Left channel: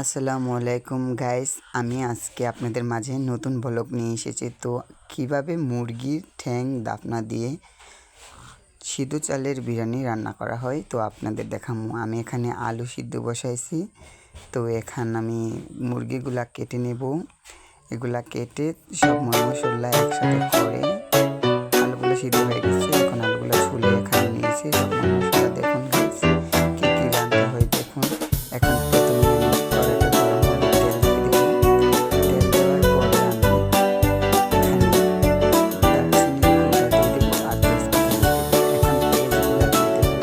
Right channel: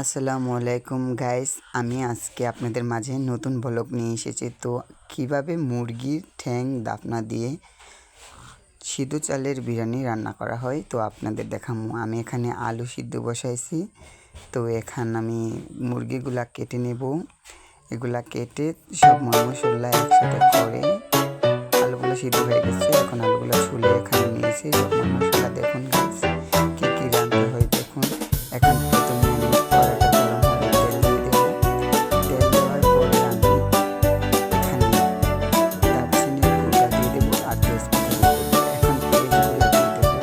আসসালামু আলাইকুম গাইস, আমি আজকে আপনাদের মাঝে নতুন ব্লগ নিয়ে এসেছি। তো কিভাবে মুরগির ঠ্যাং দাফনা দিয়ে সিদ্ধ চালের বিরিয়ানি রান্না করা হয় তো আপনাদের দেখাবো। আমি এখানে আলু সিদ্ধ বসাইছি। তো এখানে আমি মুরগিগুলা কেটে নেব। এগুলা কেটে সব মশলা একসাথে করে আলুগুলো সিদ্ধ হয়ে গেছে। এখন আলুগুলো ছুলে এখানে নিয়েছি সব মশলা। দেখুন গাইস কী কী রান্না হয় দেখুন। এখন প্রথমে আমি কড়াইটা গরম হলে তেল দিয়ে দেবো। তেল দেওয়ার পরে আমি এখানে দারচিনির গুঁড়া দিয়ে দেবো আর তেজপাতা দিয়ে দেবো। এখন পেঁয়াজগুলো দিয়ে দেবো।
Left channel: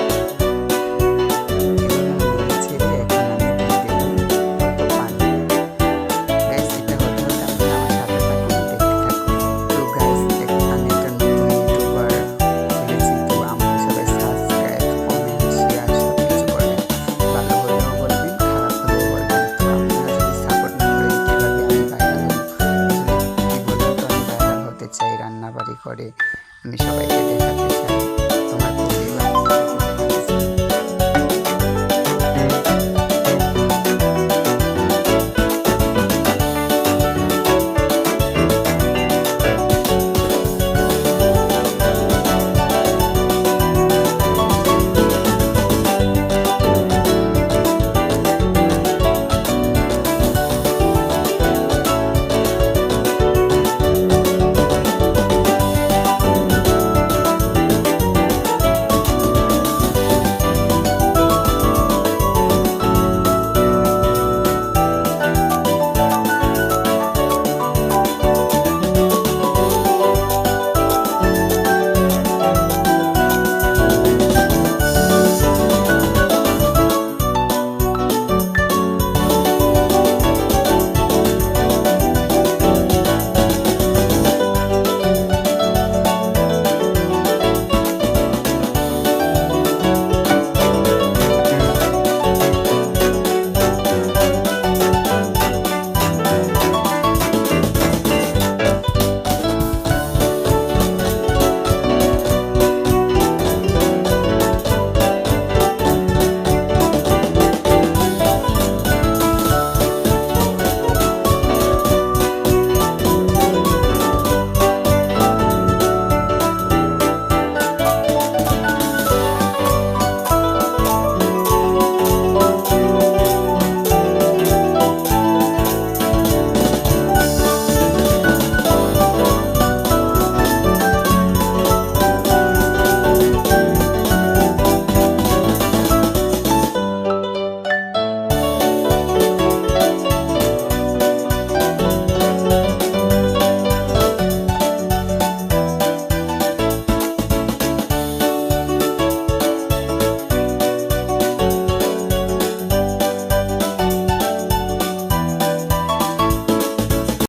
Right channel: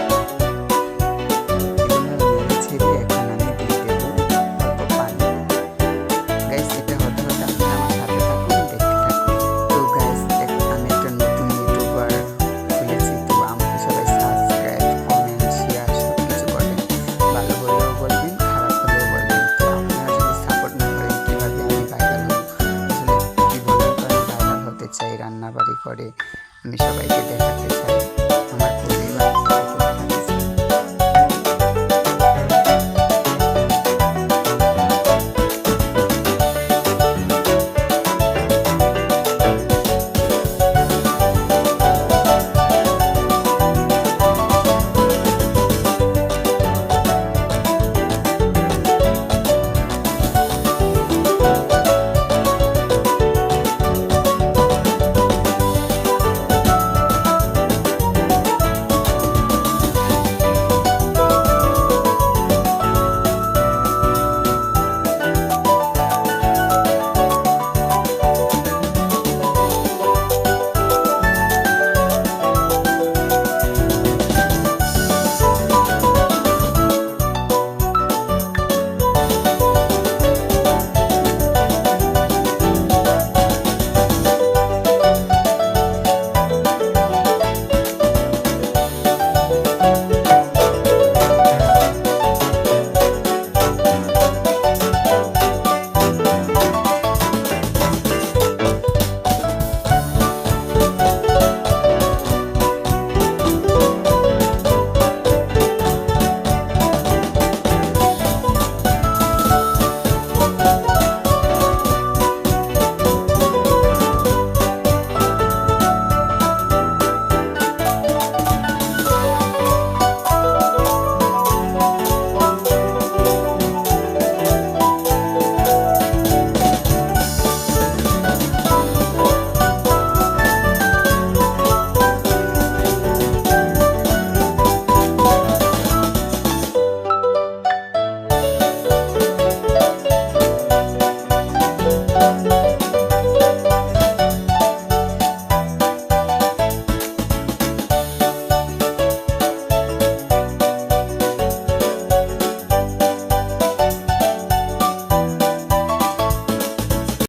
এগুলো নেড়ে ছেড়ে এখন আমি দিয়ে দেবো অল্প পানি। গাইস এটা হতে হতে আপনারা আমার সাথে থাকুন, দেখতে থাকুন। তো গাইস আমি একটা নতুন ইউটিউবার খুলেছি। তো আমাকে সবাই সাবস্ক্রাইব, কমেন্ট, শেয়ার সব কিছু করবেন। ভালো হলেও বলবেন, খারাপ হলেও বলবেন। তো আপনারা যদি সাপোর্ট না করেন কীভাবে আমি ভাইরাল হব? আসলে কী বলুন তো, আমি ভাইরাল হতে চাই, রান্নাবাড়ি করে আমি সবাইকে দেখাতে চাই।